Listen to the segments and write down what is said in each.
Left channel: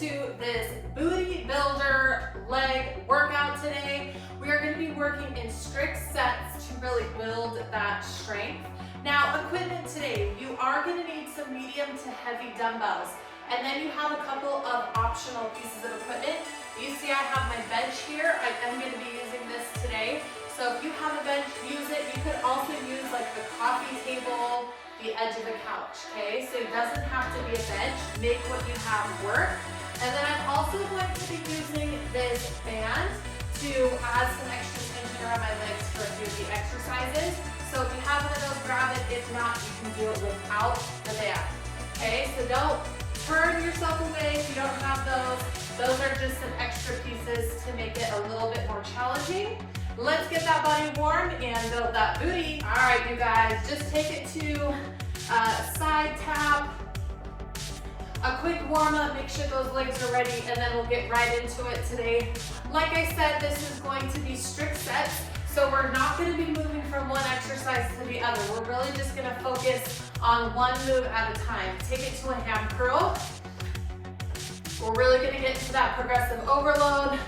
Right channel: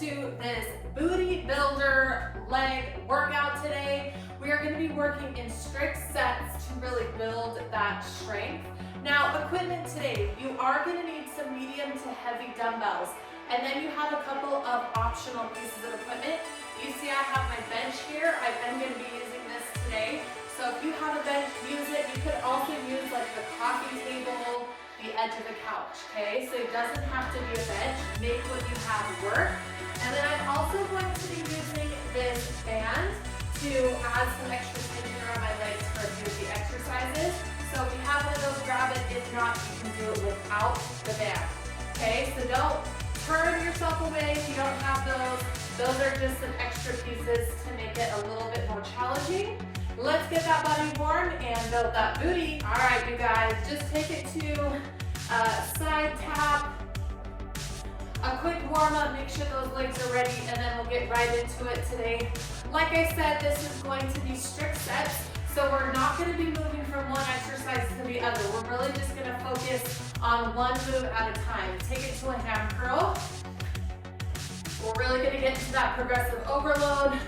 to this booty builder leg workout today. We are going to be working in strict sets to really build that strength. Now, equipment today, you are going to need some medium to heavy dumbbells, and then you have a couple of optional pieces of equipment. You see I have my bench here. I am going to be using this today. So if you have a bench, use it. You could also use like the coffee table, the edge of the couch, okay? So it doesn't have to be a bench. Make what you have work. And then I'm also going to be using this band to add some extra tension around my legs for the exercises. So if you have one of those, grab it. If not, you can do it without the band, okay? So don't turn yourself away if you don't have those. Those are just some extra pieces to make it a little bit more challenging. Let's get that body warm and build that booty. All right, you guys, just take it to a side tap, a quick warm up, make sure those legs are ready, and then we'll get right into it today. Like I said, this is going to be strict sets, so we're not gonna be moving from one exercise to the other. We're really just gonna focus on one move at a time. Take it to a ham curl. We're really gonna get into that progressive overload,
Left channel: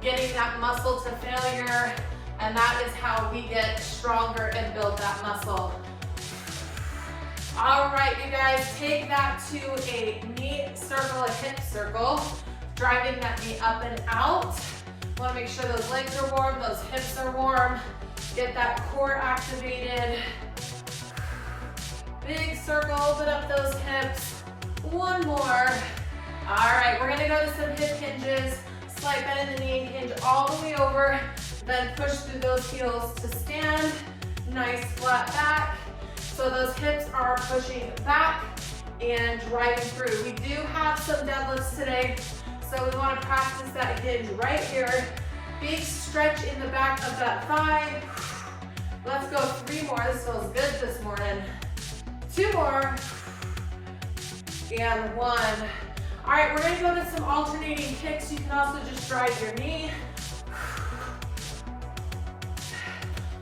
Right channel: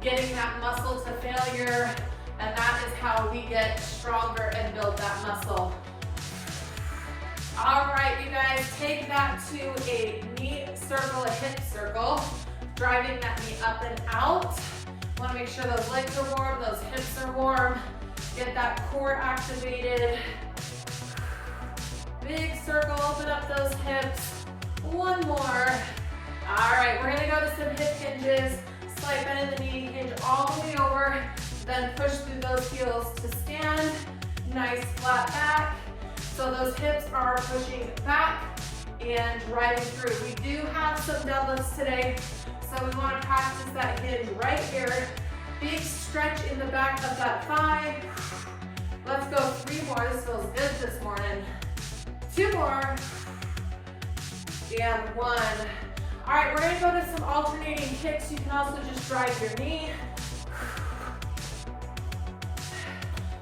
getting that muscle to failure, and that is how we get stronger and build that muscle. All right, you guys, take that to a knee circle, a hip circle, driving that knee up and out. Want to make sure those legs are warm, those hips are warm, get that core activated. Big circle, open up those hips. One more. All right, we're gonna go to some hip hinges. Slight bend in the knee, hinge all the way over, then push through those heels to stand. Nice flat back. So those hips are pushing back and driving through. We do have some deadlifts today, so we want to practice that hinge right here. Big stretch in the back of that thigh. Let's go 3 more. This feels good this morning. 2 more. And 1. All right, we're gonna go to some alternating kicks. You can also just drive your knee.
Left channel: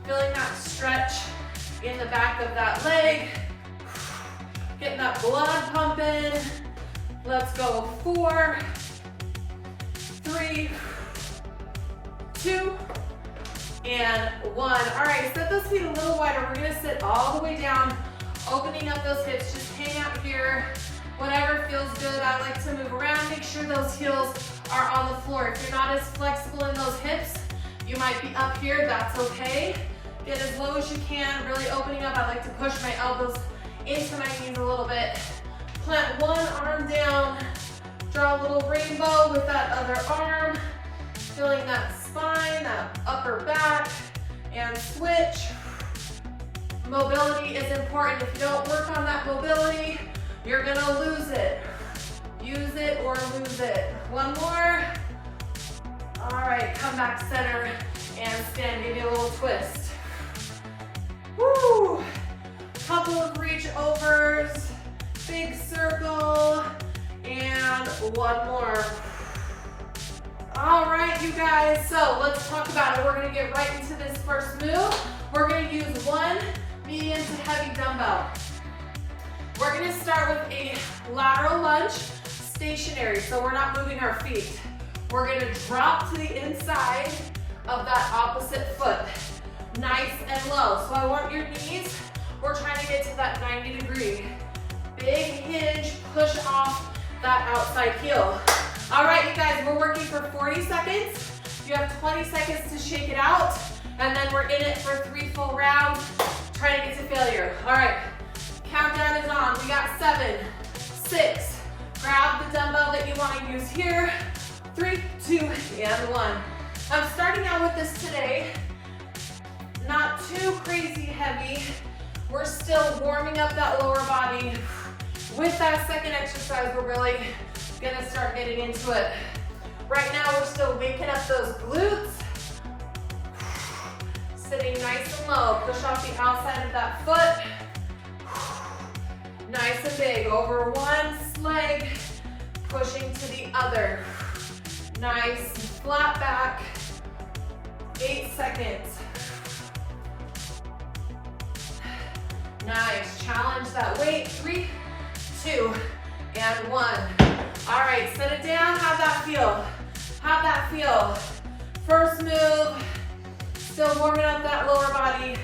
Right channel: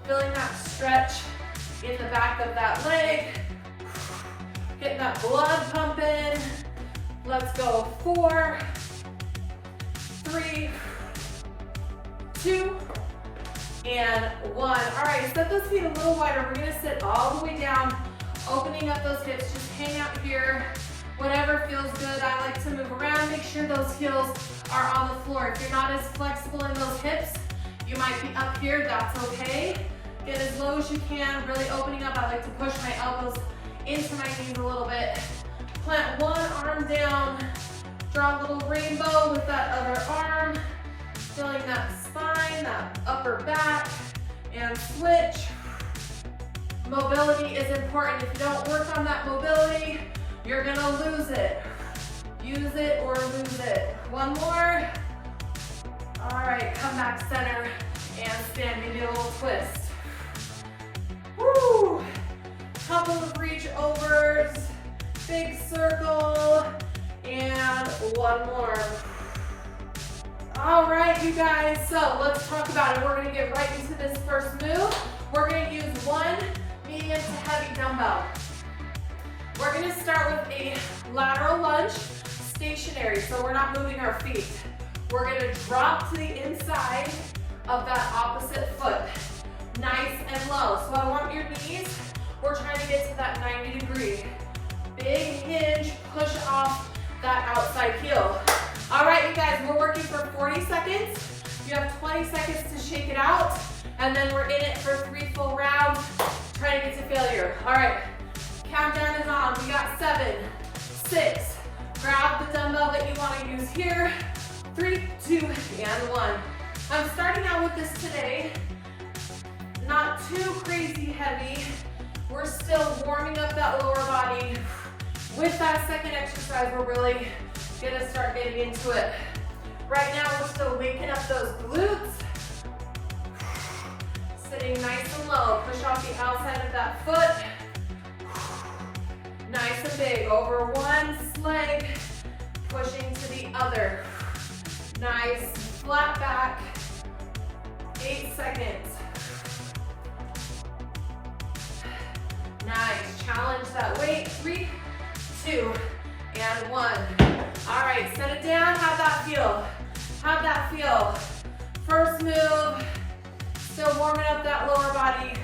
Feeling that stretch in the back of that leg. Getting that blood pumping. Let's go 4, 3, 2, and 1. All right, set those feet a little wider. We're gonna sit all the way down, opening up those hips. Just hang out here. Whatever feels good. I like to move around. Make sure those heels are on the floor. If you're not as flexible in those hips, you might be up here. That's okay. Get as low as you can, really opening up. I like to push my elbows into my knees a little bit. Plant one arm down. Draw a little rainbow with that other arm. Feeling that spine, that upper back, and switch. Mobility is important. If you don't work on that mobility, you're gonna lose it. Use it or lose it. 1 more. All right, come back center and stand, maybe a little twist. Woo! Couple of reach overs, big circle, and 1 more. All right, you guys, so let's talk about it. We're gonna get right into this first move. We're gonna use 1 medium to heavy dumbbell. We're gonna start with a lateral lunge, stationary, so we're not moving our feet. We're gonna drop to the inside of that opposite foot, nice and low. So I want your knees, we're trying to get to that 90 degree. Big hinge, push off that outside heel. All right, you guys, we're working for 40 seconds. You have 20 seconds to shake it out, and then we're in it for 3 full rounds, trying to get to failure. All right. Countdown is on. We got 7, 6. Grab the dumbbell that you want to use here. 3, 2, and 1. I'm starting out with this today. Not too crazy heavy. We're still warming up that lower body. With that second exercise, we're really gonna start getting into it. Right now, we're still waking up those glutes. Sitting nice and low. Push off the outside of that foot. Nice and big, over one leg, pushing to the other. Nice, flat back, 8 seconds. Nice, challenge that weight, 3, 2, and and 1. All right, set it down, have that feel. Have that feel. First move, still warming up that lower body.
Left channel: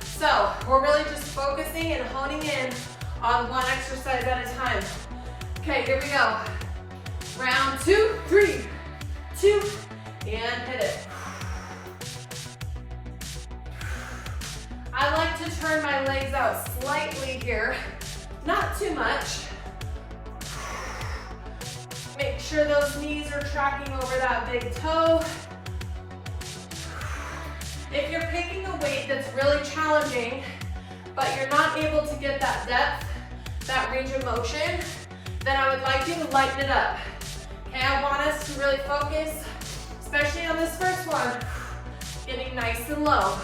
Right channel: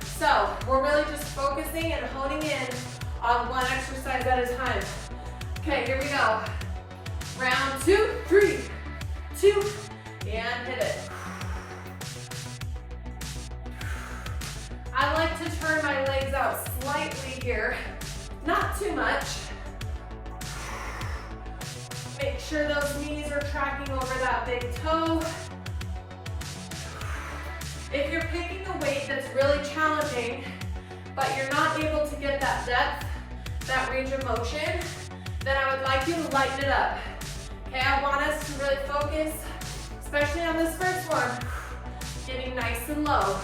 So we're really just focusing and honing in on one exercise at a time. Okay, here we go. Round 2, 3, 2, and hit it. I like to turn my legs out slightly here, not too much. Make sure those knees are tracking over that big toe. If you're picking a weight that's really challenging, but you're not able to get that depth, that range of motion, then I would like you to lighten it up. Okay, I want us to really focus, especially on this first one, getting nice and low.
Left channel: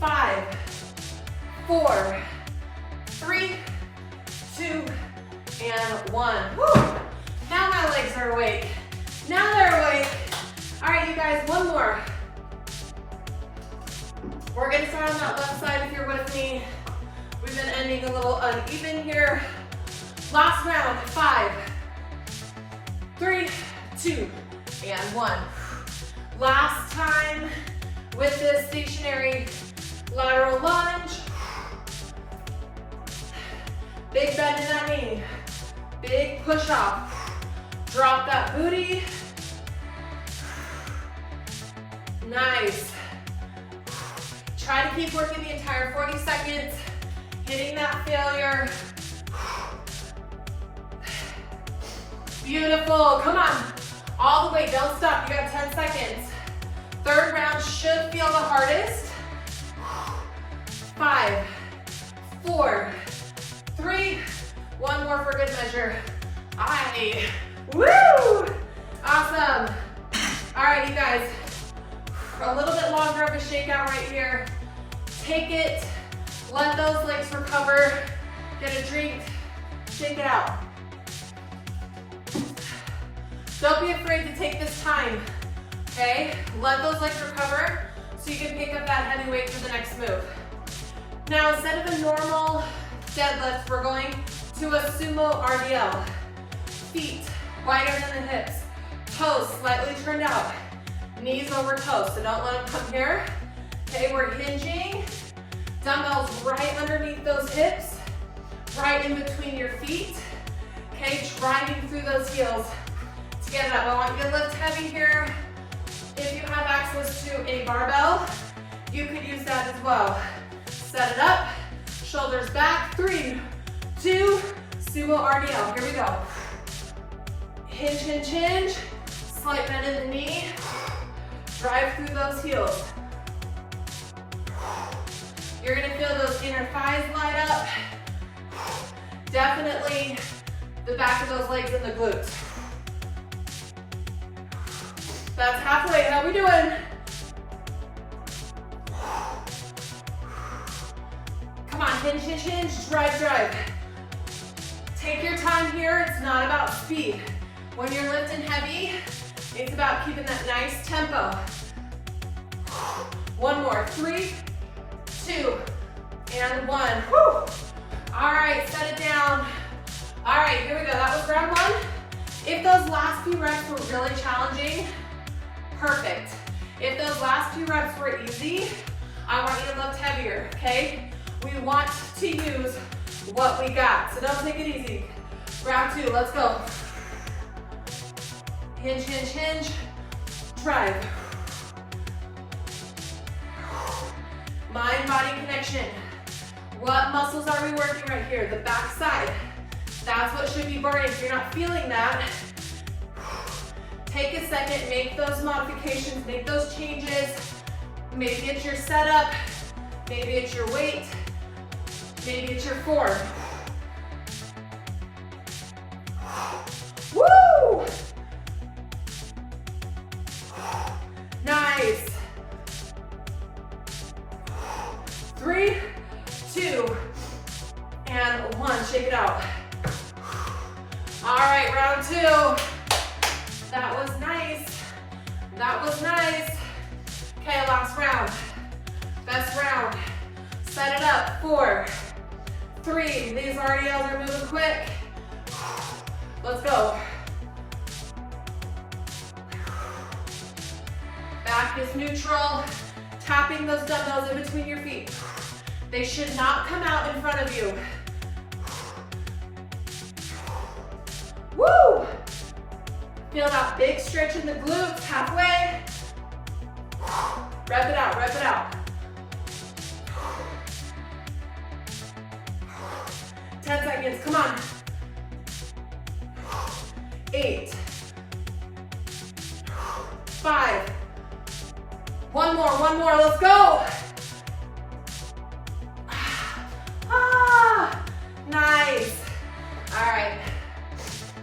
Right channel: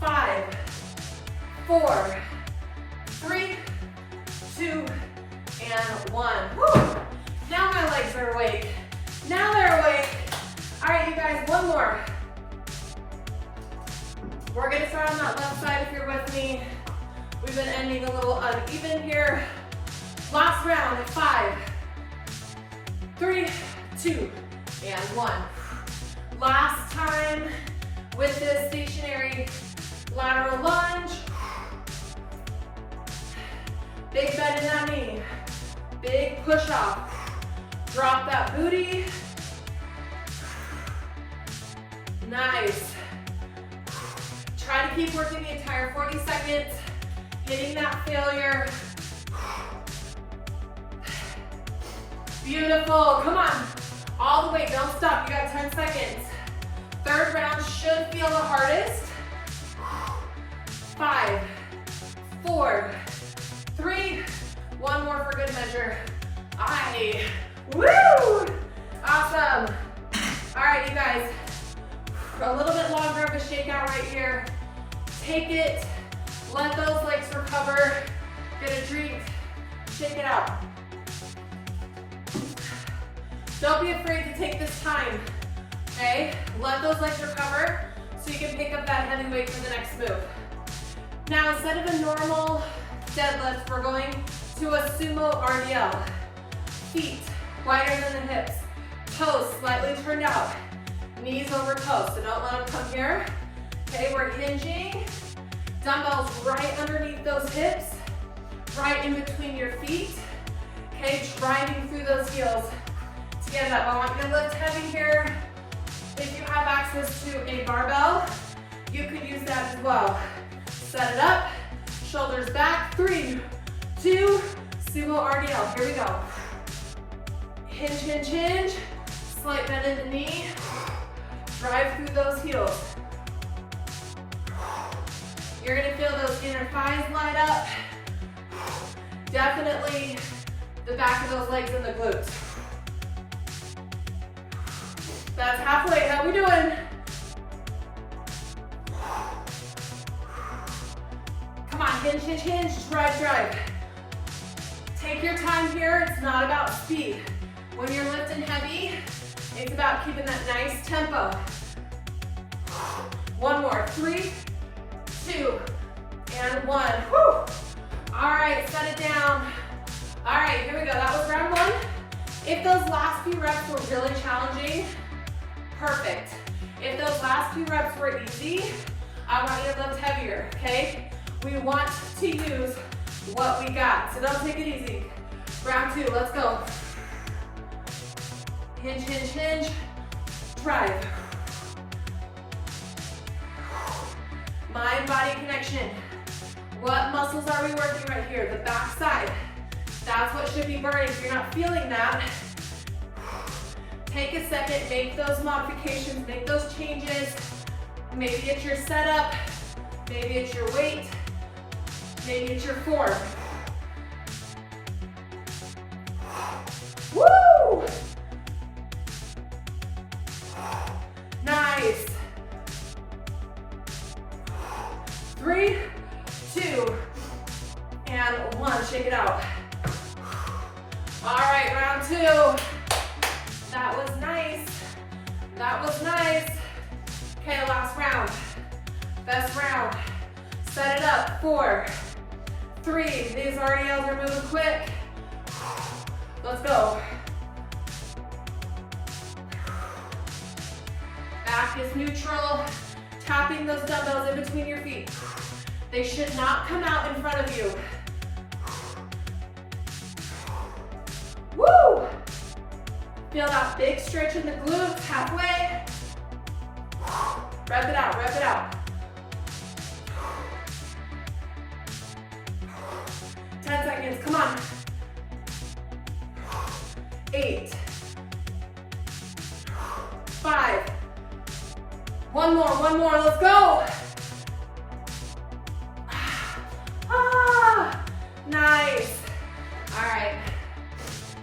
5, 4, 3, 2, and 1. Woo! Now my legs are awake. Now they're awake. All right, you guys, one more. We're gonna start on that left side if you're with me. We've been ending a little uneven here. Last round, 5, 3, 2, and 1. Last time with this stationary lateral lunge. Big bend in that knee. Big push off. Drop that booty. Nice. Try to keep working the entire 40 seconds, hitting that failure. Beautiful, come on. All the way, don't stop, you got 10 seconds. Third round should feel the hardest. 5, 4, 3, one more for good measure. Aye, woo! Awesome. All right, you guys, a little bit longer of a shakeout right here. Take it, let those legs recover, get a drink, shake it out. Don't be afraid to take this time, okay? Let those legs recover so you can pick up that heavy weight for the next move. Now, instead of a normal deadlift, we're going to a Sumo RDL. Feet wider than the hips, toes slightly turned out, knees over toes, so don't let them come here. Okay, we're hinging, dumbbells right underneath those hips, right in between your feet. Okay, driving through those heels to get up. I want you to lift heavy here. If you have access to a barbell, you could use that as well. Set it up, shoulders back, 3, 2, Sumo RDL, here we go. Hinge, hinge, hinge, slight bend in the knee, drive through those heels. You're gonna feel those inner thighs light up. Definitely the back of those legs and the glutes. That's halfway, how we doing? Come on, hinge, hinge, hinge, drive, drive. Take your time here, it's not about speed. When you're lifting heavy, it's about keeping that nice tempo. One more, 3, 2, and 1. Woo! All right, set it down. All right, here we go, that was round 1. If those last few reps were really challenging, perfect. If those last few reps were easy, I want you to lift heavier, okay? We want to use what we got, so don't take it easy. Round 2, let's go. Hinge, hinge, hinge, drive. Mind-body connection. What muscles are we working right here? The back side. That's what should be burning. If you're not feeling that, take a second, make those modifications, make those changes. Maybe it's your setup, maybe it's your weight, maybe it's your form. Woo! Nice. 3, 2, and 1. Shake it out. All right, round 2. That was nice. That was nice. Okay, last round. Best round. Set it up. 4, 3. These RDLs are moving quick. Let's go. Back is neutral. Tapping those dumbbells in between your feet. They should not come out in front of you. Woo! Feel that big stretch in the glutes, halfway. Rep it out, rep it out. 10 seconds, come on. 8. 5. One more, let's go. Ah, nice. All right,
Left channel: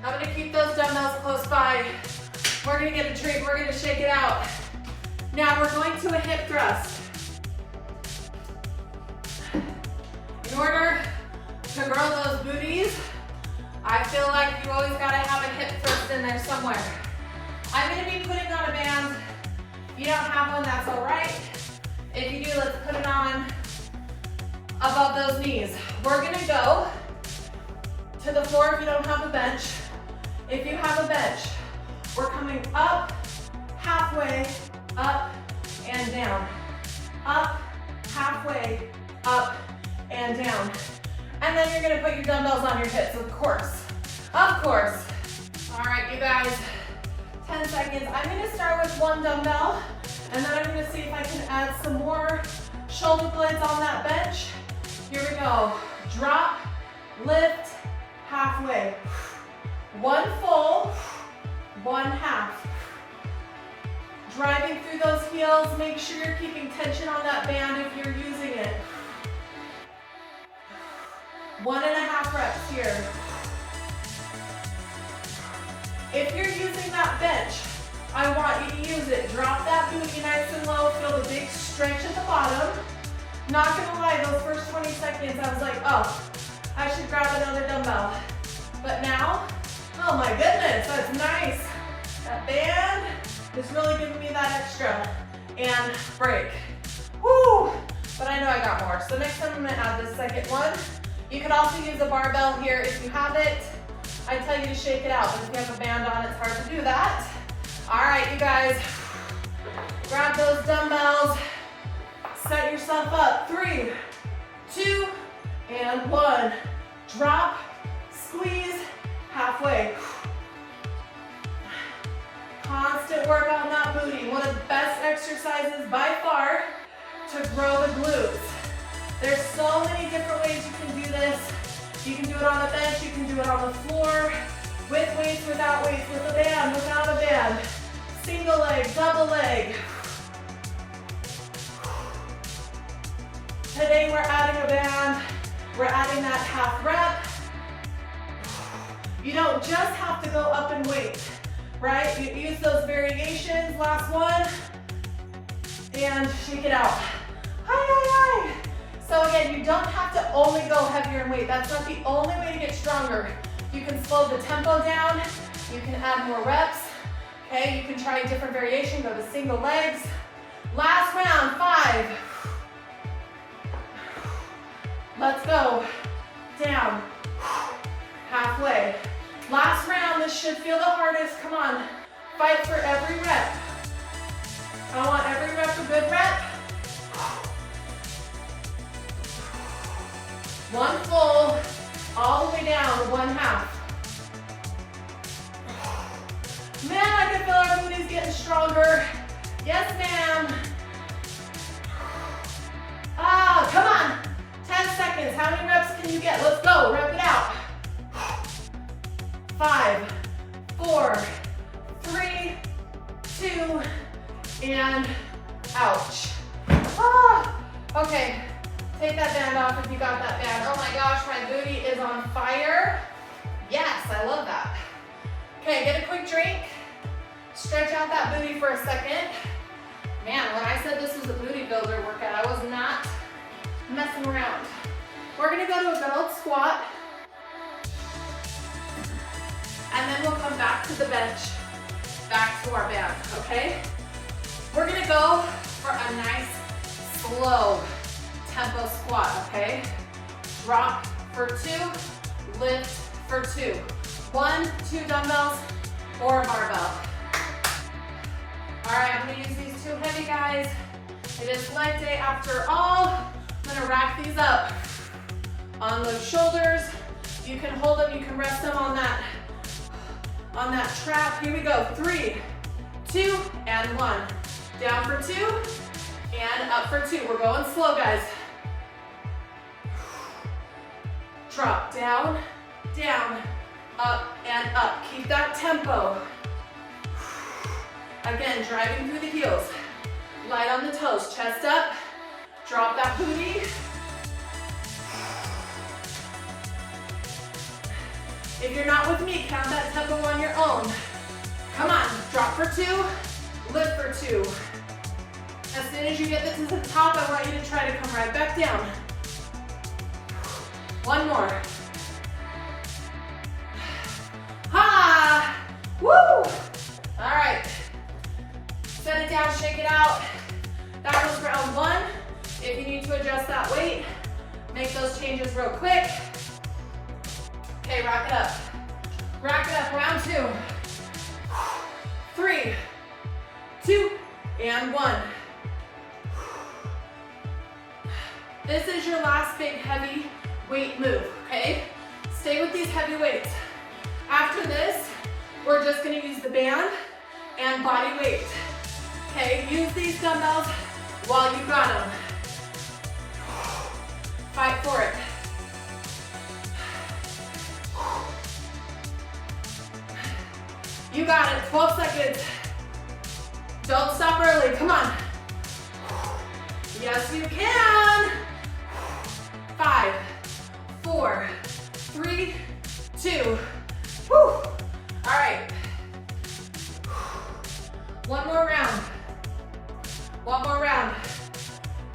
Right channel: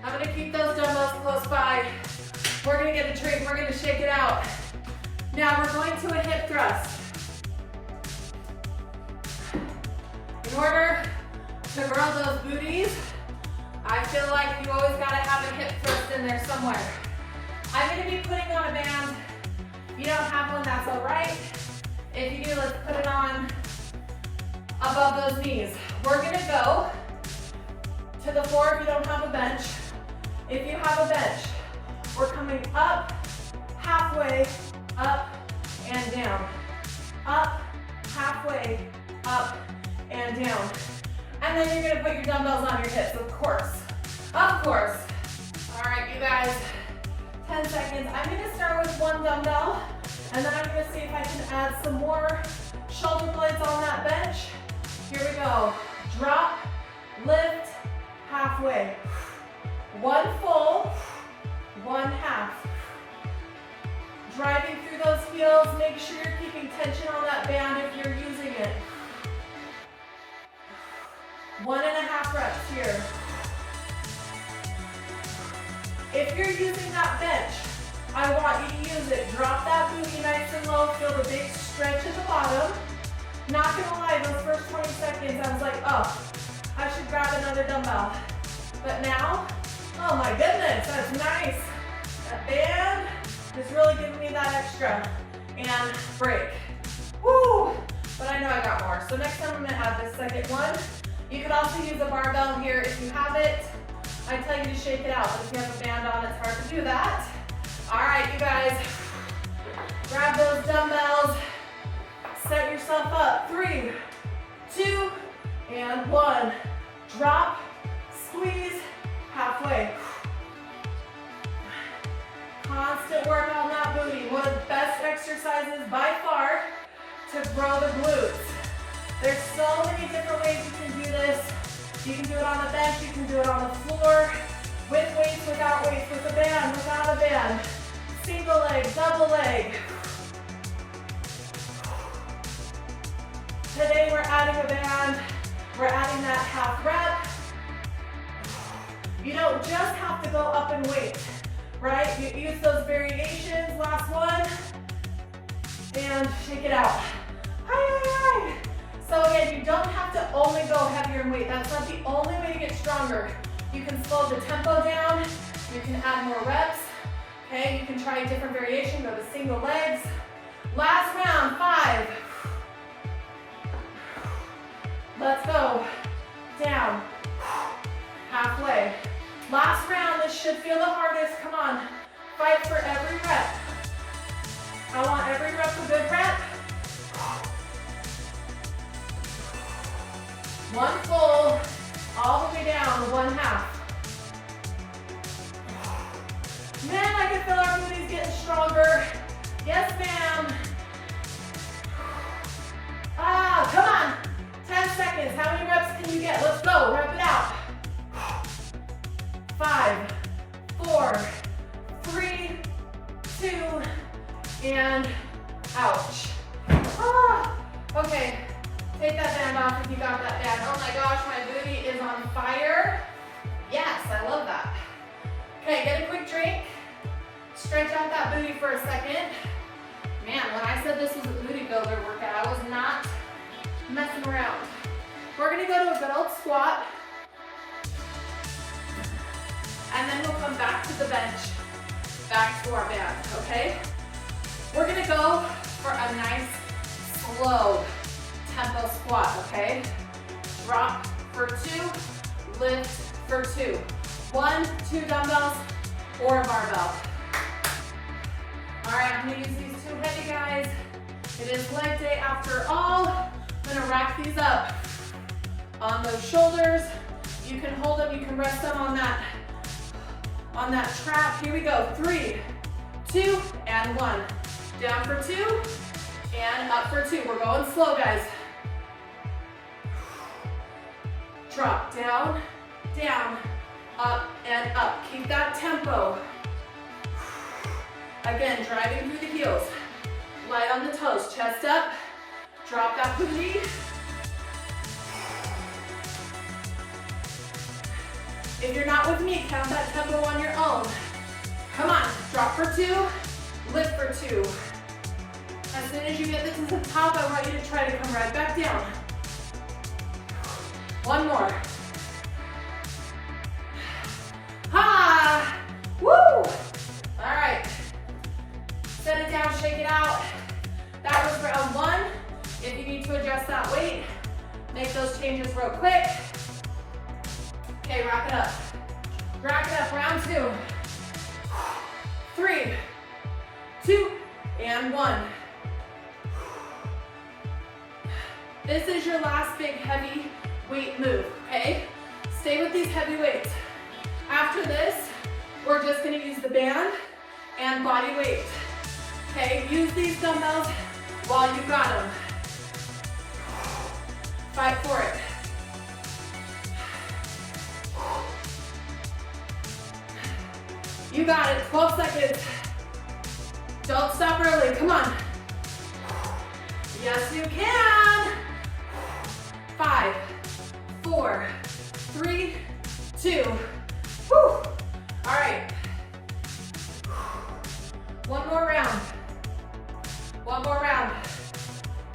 I'm gonna keep those dumbbells close by. We're gonna get a treat, we're gonna shake it out. Now we're going to a hip thrust. In order to grow those booties, I feel like you always gotta have a hip thrust in there somewhere. I'm gonna be putting on a band. If you don't have one, that's all right. If you do, let's put it on above those knees. We're gonna go to the floor if you don't have a bench. If you have a bench, we're coming up, halfway, up and down. Up, halfway, up and down. And then you're gonna put your dumbbells on your hips, of course. Of course. All right, you guys, 10 seconds. I'm gonna start with one dumbbell, and then I'm gonna see if I can add some more shoulder blades on that bench. Here we go. Drop, lift, halfway. One full, one half. Driving through those heels, make sure you're keeping tension on that band if you're using it. 1.5 reps here. If you're using that bench, I want you to use it. Drop that booty nice and low. Feel the big stretch at the bottom. Not gonna lie, those first 20 seconds, I was like, oh, I should grab another dumbbell. But now, oh my goodness, that's nice. That band is really giving me that extra. And break. Woo! But I know I got more. So next time I'm gonna add this second one. You could also use a barbell here if you have it. I tell you to shake it out, but if you have a band on, it's hard to do that. All right, you guys, grab those dumbbells, set yourself up. 3, 2, and 1. Drop, squeeze, halfway. Constant work on that booty. One of the best exercises by far to grow the glutes. There's so many different ways you can do this. You can do it on the bench, you can do it on the floor, with weights, without weights, with a band, without a band. Single leg, double leg. Today we're adding a band. We're adding that half rep. You don't just have to go up in weight, right? You use those variations, last one, and shake it out. Hi, hi, hi. So again, you don't have to only go heavier in weight. That's not the only way to get stronger. You can slow the tempo down. You can add more reps. Okay, you can try a different variation, go to single legs. Last round, 5. Let's go. Down. Halfway. Last round, this should feel the hardest. Come on. Fight for every rep. I want every rep a good rep. One full, all the way down to one half. Man, I can feel everybody's getting stronger. Yes, ma'am. Ah, come on. 10 seconds. How many reps can you get? Let's go. Rep it out. 5, 4, 3, 2, and ouch. Ah, okay. Take that band off if you got that band. Oh my gosh, my booty is on fire. Yes, I love that. Okay, get a quick drink. Stretch out that booty for a second. Man, when I said this was a booty builder workout, I was not messing around. We're gonna go to a good old squat. And then we'll come back to the bench, back to our band, okay? We're gonna go for a nice, slow tempo squat, okay? Drop for 2, lift for 2. 1, 2 dumbbells, or a barbell. All right, I'm gonna use these 2 heavy guys. It is leg day after all. I'm gonna rack these up on those shoulders. You can hold them, you can rest them on that trap. Here we go, 3, 2, and 1. Down for 2, and up for 2. We're going slow, guys. Drop, down, down, up, and up. Keep that tempo. Again, driving through the heels. Light on the toes, chest up. Drop that booty. If you're not with me, count that tempo on your own. Come on, drop for 2, lift for 2. As soon as you get to the top, I want you to try to come right back down. 1 more. Ha! Woo! All right. Set it down, shake it out. That was round 1. If you need to adjust that weight, make those changes real quick. Okay, rack it up. Rack it up, round 2. 3, 2, and 1. This is your last big heavy weight move, okay? Stay with these heavy weights. After this, we're just gonna use the band and body weight. Okay, use these dumbbells while you got them. Fight for it. You got it, 12 seconds. Don't stop early, come on. Yes, you can. 5, 4, 3, 2. Whew. All right. 1 more round. 1 more round.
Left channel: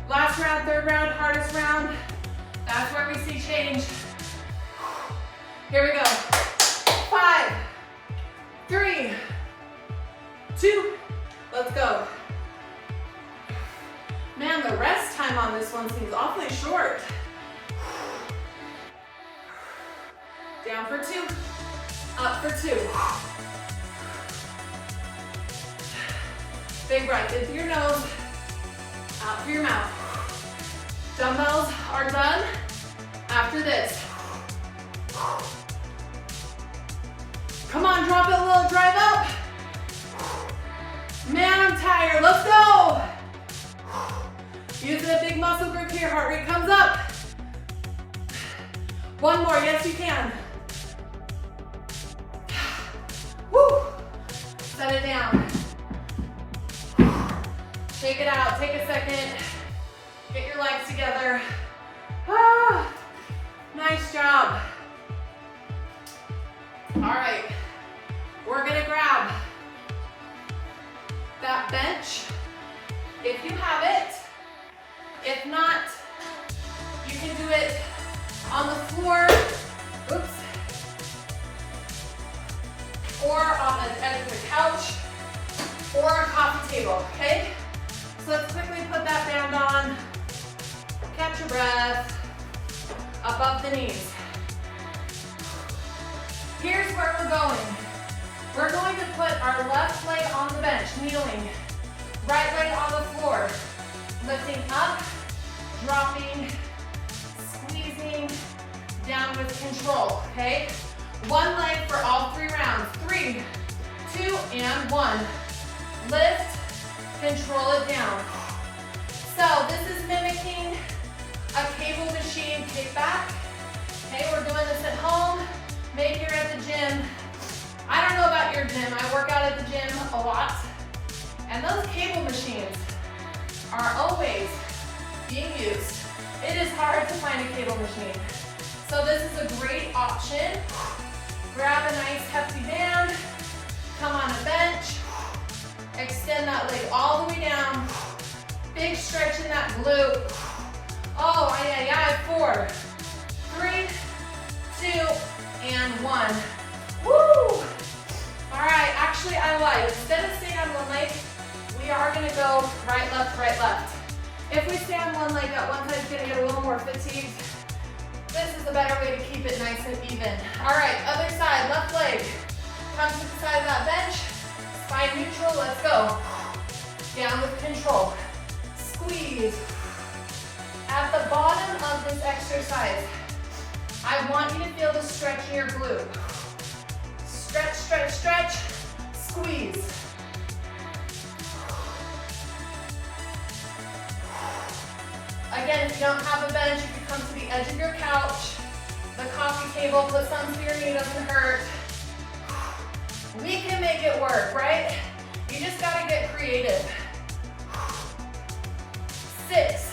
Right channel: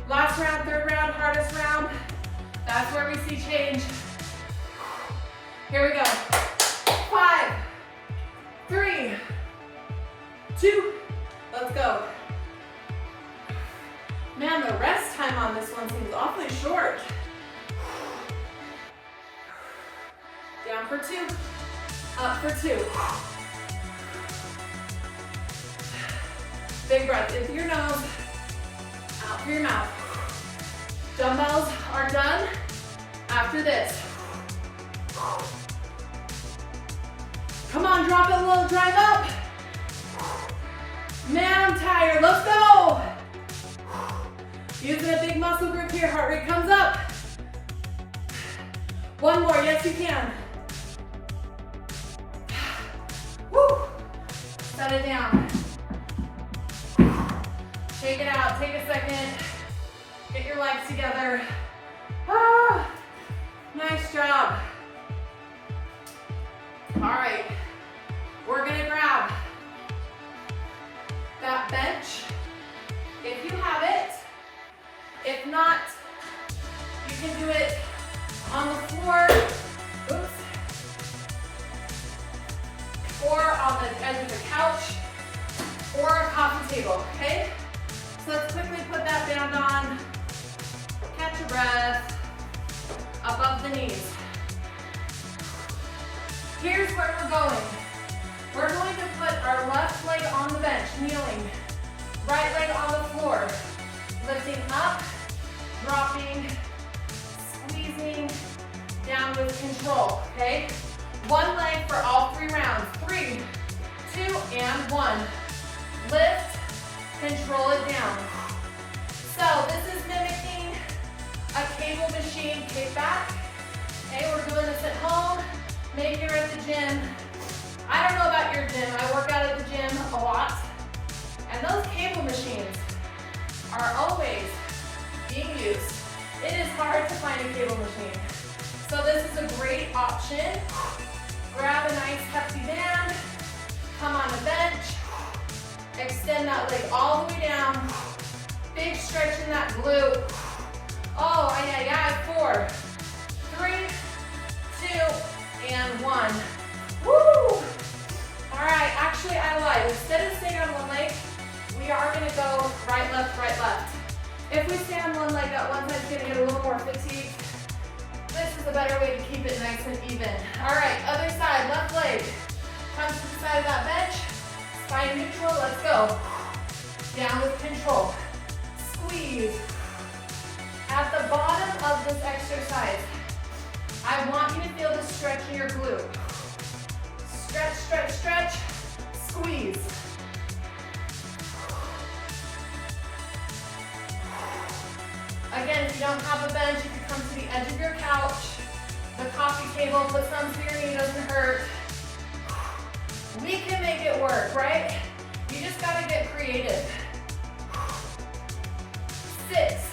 Last round, 3rd round, hardest round. That's where we see change. Here we go. 5, 3, 2, let's go. Man, the rest time on this one seems awfully short. Down for 2, up for 2. Big breath in through your nose, out through your mouth. Dumbbells are done after this. Come on, drop it low, drive up. Man, I'm tired, let's go. Using a big muscle group here, heart rate comes up. 1 more, yes you can. Woo. Set it down. Shake it out, take a second. Get your legs together. Ah, nice job. All right, we're gonna grab that bench, if you have it. If not, you can do it on the floor, oops, or on the edge of the couch, or a coffee table, okay? So let's quickly put that band on, catch your breath, above the knees. Here's where we're going. We're going to put our left leg on the bench, kneeling, right leg on the floor, lifting up, dropping, squeezing, down with control, okay? 1 leg for all 3 rounds. 3, 2, and 1. Lift, control it down. So this is mimicking a cable machine kickback. Okay, we're doing this at home. Maybe you're at the gym. I don't know about your gym. I work out at the gym a lot. And those cable machines are always being used. It is hard to find a cable machine. So this is a great option. Grab a nice hefty band, come on a bench, extend that leg all the way down. Big stretch in that glute. Oh, aye, aye, aye. 4, 3, 2, and 1. Woo! All right, actually I lied. Instead of staying on 1 leg, we are gonna go right, left, right, left. If we stay on 1 leg, that one side's gonna get a little more fatigued. This is a better way to keep it nice and even. All right, other side, left leg. Come to the side of that bench. Spine neutral, let's go. Down with control. Squeeze. At the bottom of this exercise, I want you to feel the stretch in your glute. Stretch, stretch, stretch, squeeze. Again, if you don't have a bench, you can come to the edge of your couch, the coffee table, put some so your knee doesn't hurt. We can make it work, right? You just gotta get creative. 6,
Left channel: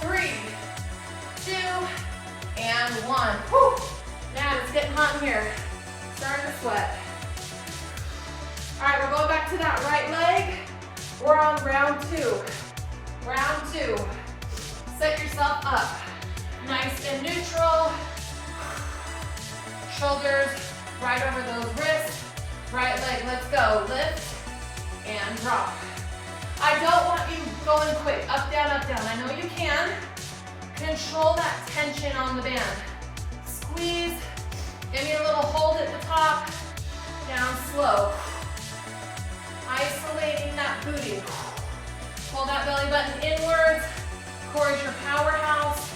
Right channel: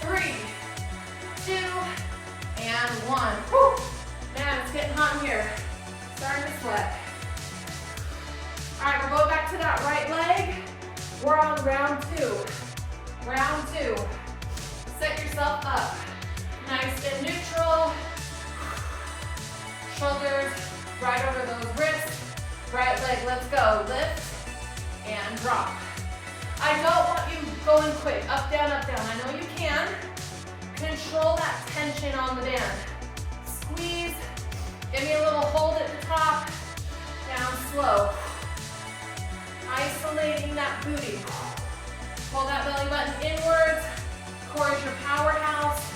3, 2, and 1. Whew. Man, it's getting hot in here. Starting to sweat. All right, we're going back to that right leg. We're on round 2. Round 2. Set yourself up. Nice and neutral. Shoulders right over those wrists. Right leg, let's go. Lift and drop. I don't want you going quick. Up, down, up, down. I know you can. Control that tension on the band. Squeeze. Give me a little hold at the top. Down slow. Isolating that booty. Pull that belly button inwards. Core is your powerhouse.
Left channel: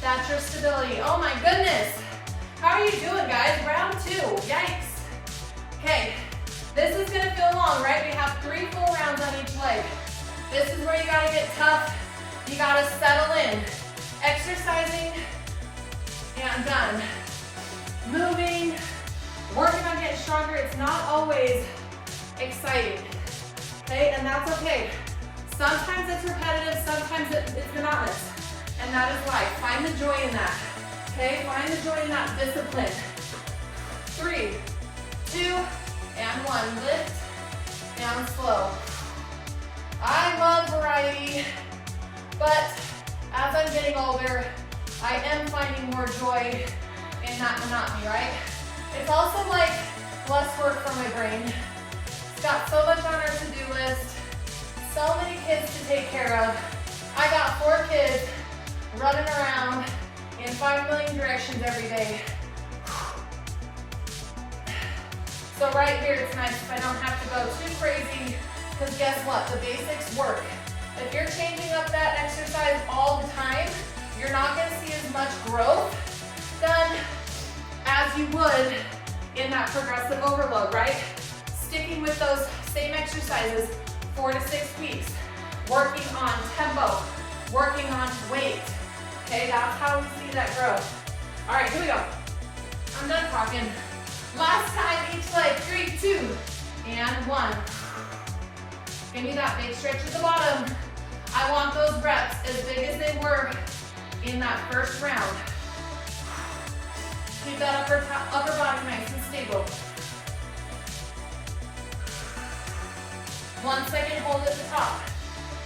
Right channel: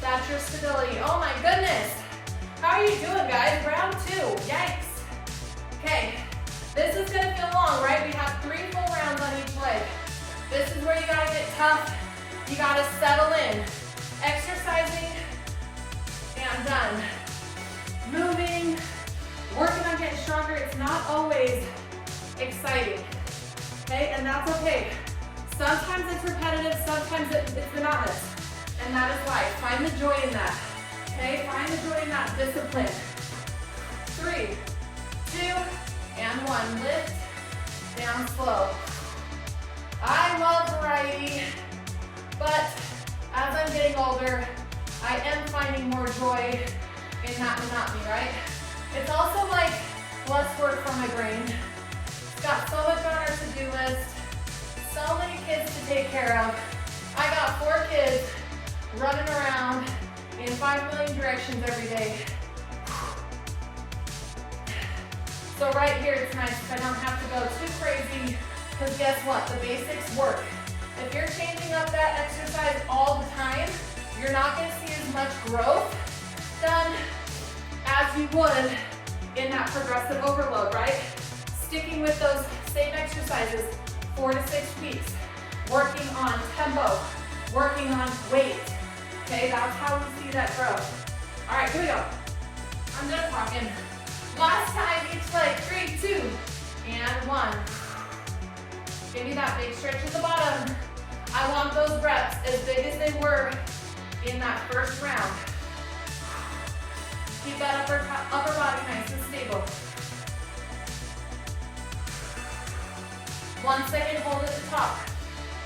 That's your stability. Oh my goodness. How are you doing, guys? Round 2. Yikes. Okay. This is gonna feel long, right? We have 3 full rounds on each leg. This is where you gotta get tough. You gotta settle in. Exercising and done. Moving, working on getting stronger. It's not always exciting, okay? And that's okay. Sometimes it's repetitive, sometimes it's monotonous. And that is life. Find the joy in that, okay? Find the joy in that discipline. 3, 2, and 1. Lift, down slow. I love variety, but as I'm getting older, I am finding more joy in that monotony, right? It's also like less work for my brain. It's got so much on our to-do list, so many kids to take care of. I got 4 kids running around in 5 million directions every day. So right here, it's nice if I don't have to go too crazy, because guess what? The basics work. If you're changing up that exercise all the time, you're not going to see as much growth done as you would in that progressive overload, right? Sticking with those same exercises 4 to 6 weeks, working on tempo, working on weight, okay? That's how we see that growth. All right, here we go. I'm done talking. Last time each leg, 3, 2, and 1. Give me that big stretch at the bottom. I want those reps as big as they were in that first round. Keep that upper body nice and stable. 1 second hold at the top.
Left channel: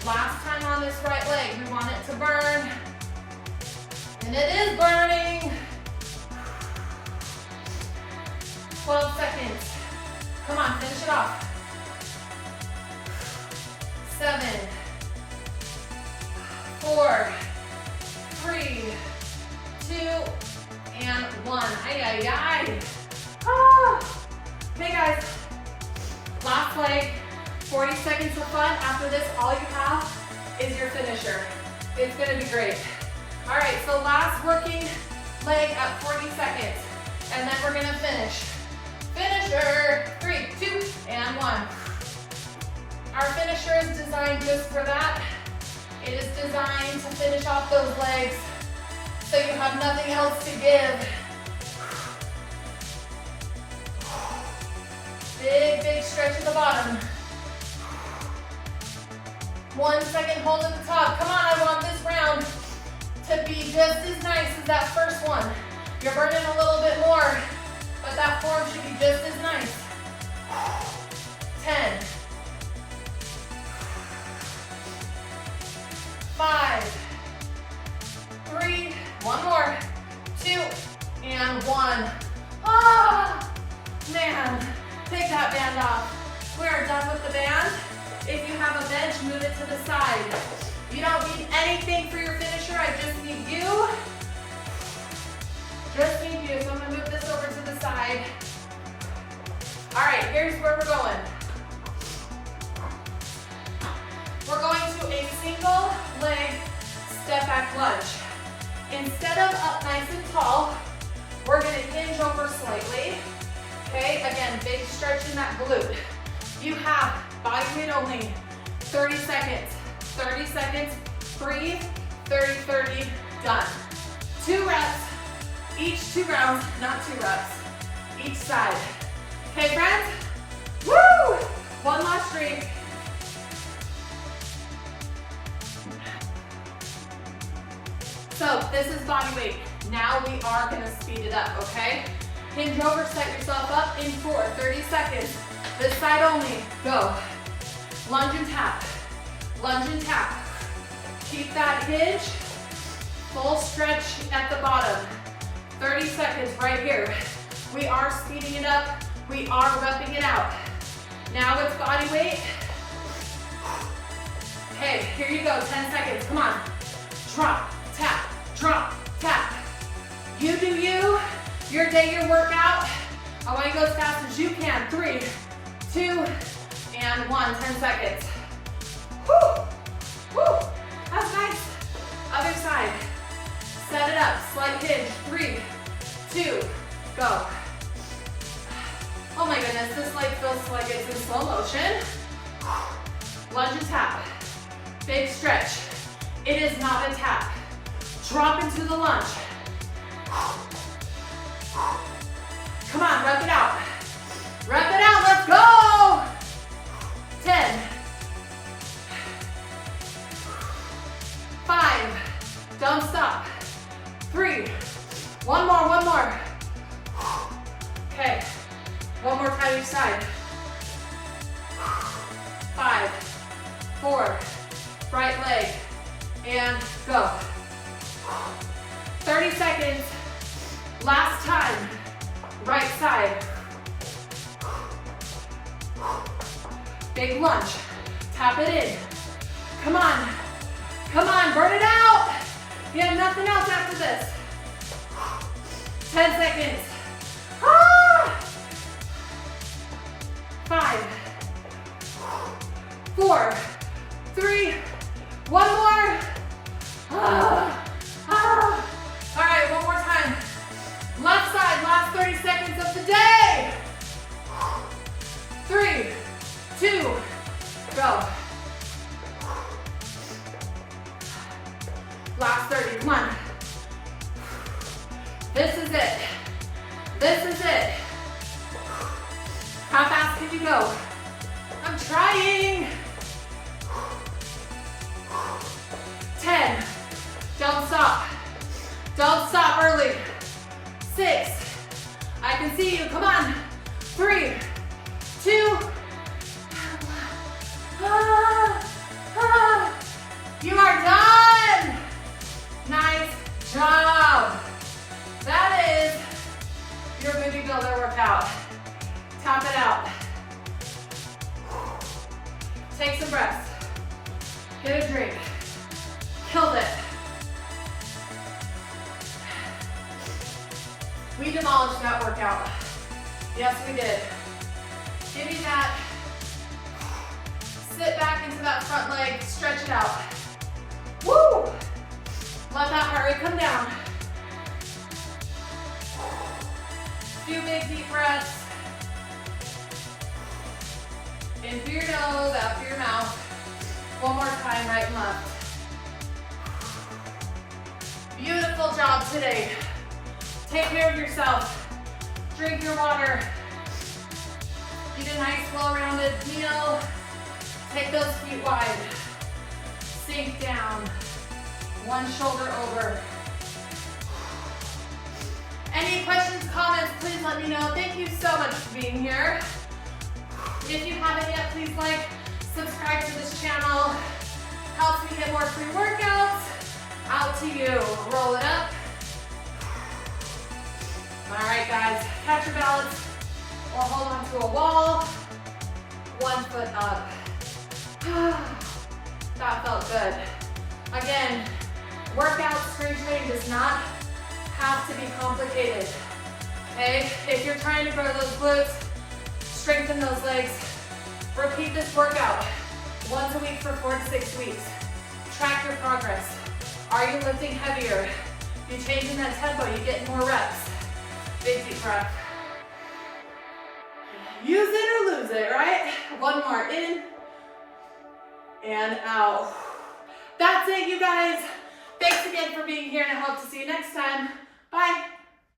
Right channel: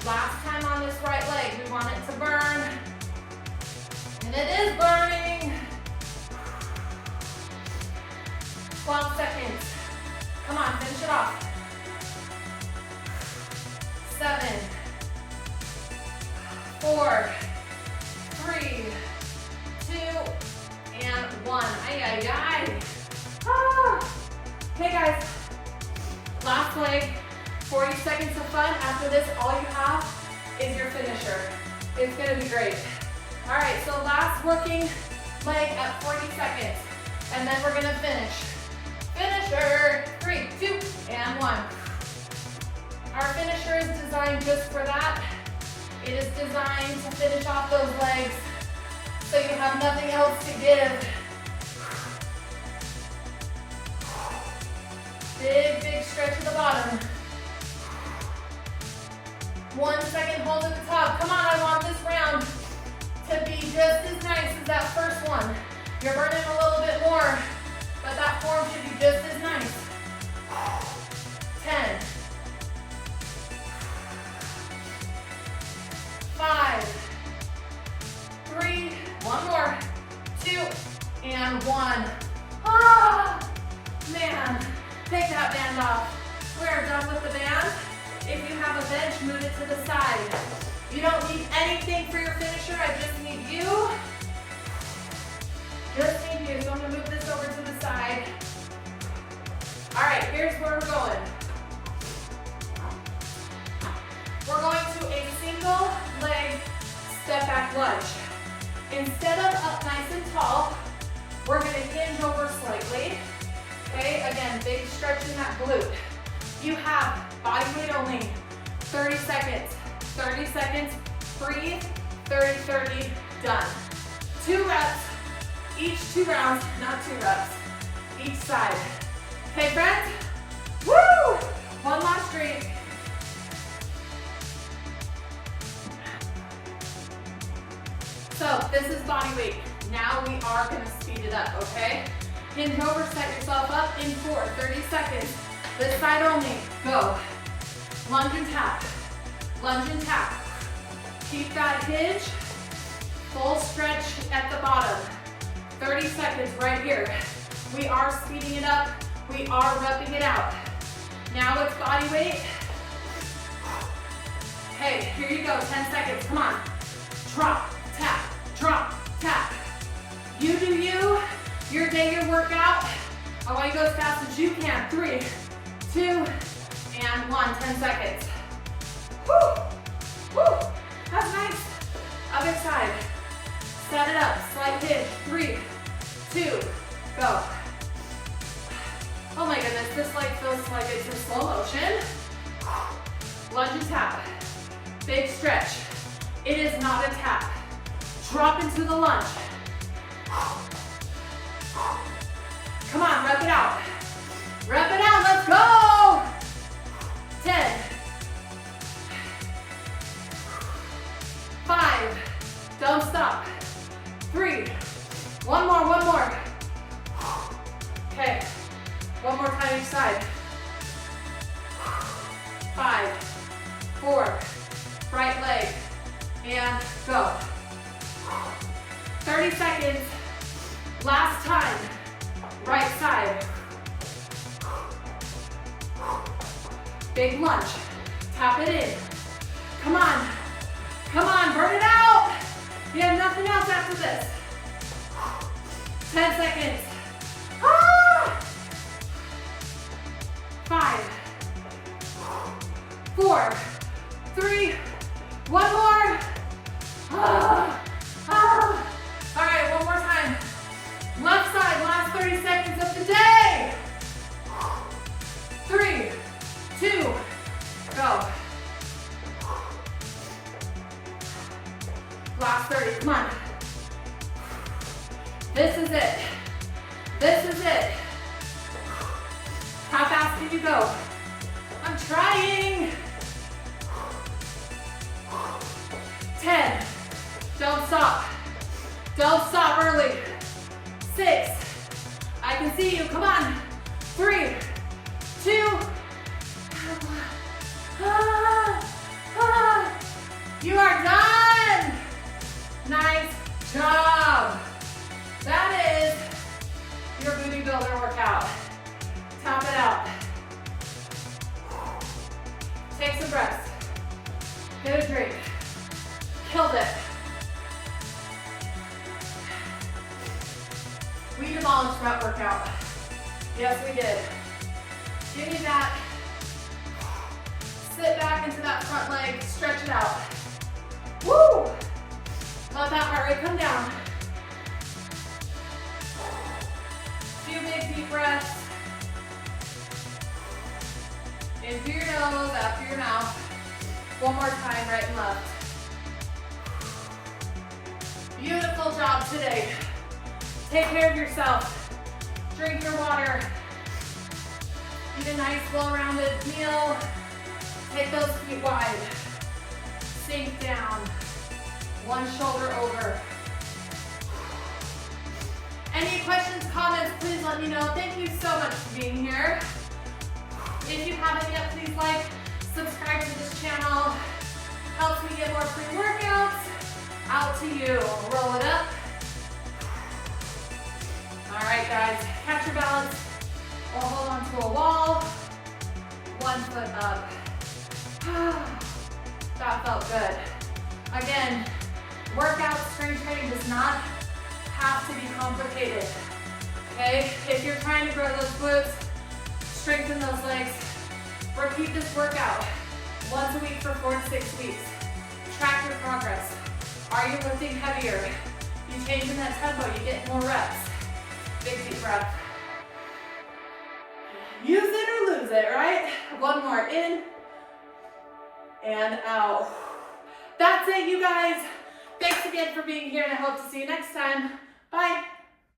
Last time on this right leg, we want it to burn. And it is burning. 12 seconds. Come on, finish it off. 7, 4, 3, 2, and 1. Ay, ay, ay. Ah. Okay, guys. Last leg. 40 seconds of fun. After this, all you have is your finisher. It's gonna be great. All right, so last working leg at 40 seconds. And then we're gonna finish. Finisher, 3, 2, and 1. Our finisher is designed just for that. It is designed to finish off those legs so you have nothing else to give. Big, big stretch at the bottom. 1 second hold at the top. Come on, I want this round to be just as nice as that first one. You're burning a little bit more, but that form should be just as nice. 10, 5, 3, one more, 2, and 1. Ah, man, take that band off. We are done with the band. If you have a bench, move it to the side. You don't need anything for your finisher. I just need you. Just need you. So I'm gonna move this over to the side. All right, here's where we're going. We're going to a single leg step back lunge. Instead of up nice and tall, we're gonna hinge over slightly. Okay, again, big stretch in that glute. You have body weight only, 30 seconds. 30 seconds, breathe, 30, 30, done. 2 reps, each 2 rounds, not 2 reps, each side. Okay, friends? Woo! One last streak. So this is body weight. Now we are gonna speed it up, okay? Hinge over, set yourself up in 4, 30 seconds. This side only, go. Lunge and tap. Lunge and tap. Keep that hinge. Full stretch at the bottom. 30 seconds right here. We are speeding it up. We are repping it out. Now it's body weight. Okay, here you go, 10 seconds, come on. Drop, tap, drop, tap. You do you, your day, your workout. I want you to go as fast as you can. 3, 2, and 1, 10 seconds. Woo! Woo! That's nice. Other side. Set it up. Slight hinge. 3, 2, go. Oh my goodness, this leg feels like it's in slow motion. Lunge and tap. Big stretch. It is not a tap. Drop into the lunge. Come on, rep it out. Rep it out, let's go! 10. 5, don't stop. 3, one more. Okay, one more time each side. 5, 4, right leg, and go. 30 seconds, last time, right side. Big lunge, tap it in. Come on, burn it out. You have nothing else after this. 10 seconds. 5, 4, 3, one more. All right, one more time. Left side, last 30 seconds of the day. 3, 2, go. Last 30, come on. This is it. This is it. How fast can you go? I'm trying. 10, don't stop. Don't stop early. 6, I can see you, come on. 3, 2, you are done. Nice job. That is your booty builder workout. Tap it out. Take some breaths. Get a drink. Killed it. We demolished that workout. Yes, we did. Give me that. Sit back into that front leg. Stretch it out. Woo! Let that heart rate come down. Few big deep breaths. In through your nose, out through your mouth. One more time, right and left. Beautiful job today. Take care of yourself. Drink your water. Eat a nice, well-rounded meal. Take those feet wide. Sink down. One shoulder over. Any questions, comments, please let me know. Thank you so much for being here. If you haven't yet, please like, subscribe to this channel. Helps me get more free workouts out to you. Roll it up. All right, guys, catch your balance or hold on to a wall. 1 foot up. That felt good. Again, workout strength training does not have to be complicated. Okay? If you're trying to grow those glutes, strengthen those legs, repeat this workout once a week for 4 to 6 weeks. Track your progress. Are you lifting heavier? You change in that tempo, you get more reps. Big deep breath. Use it or lose it, right? One more, in and out. That's it, you guys. Thanks again for being here, and I hope to see you next time. Bye.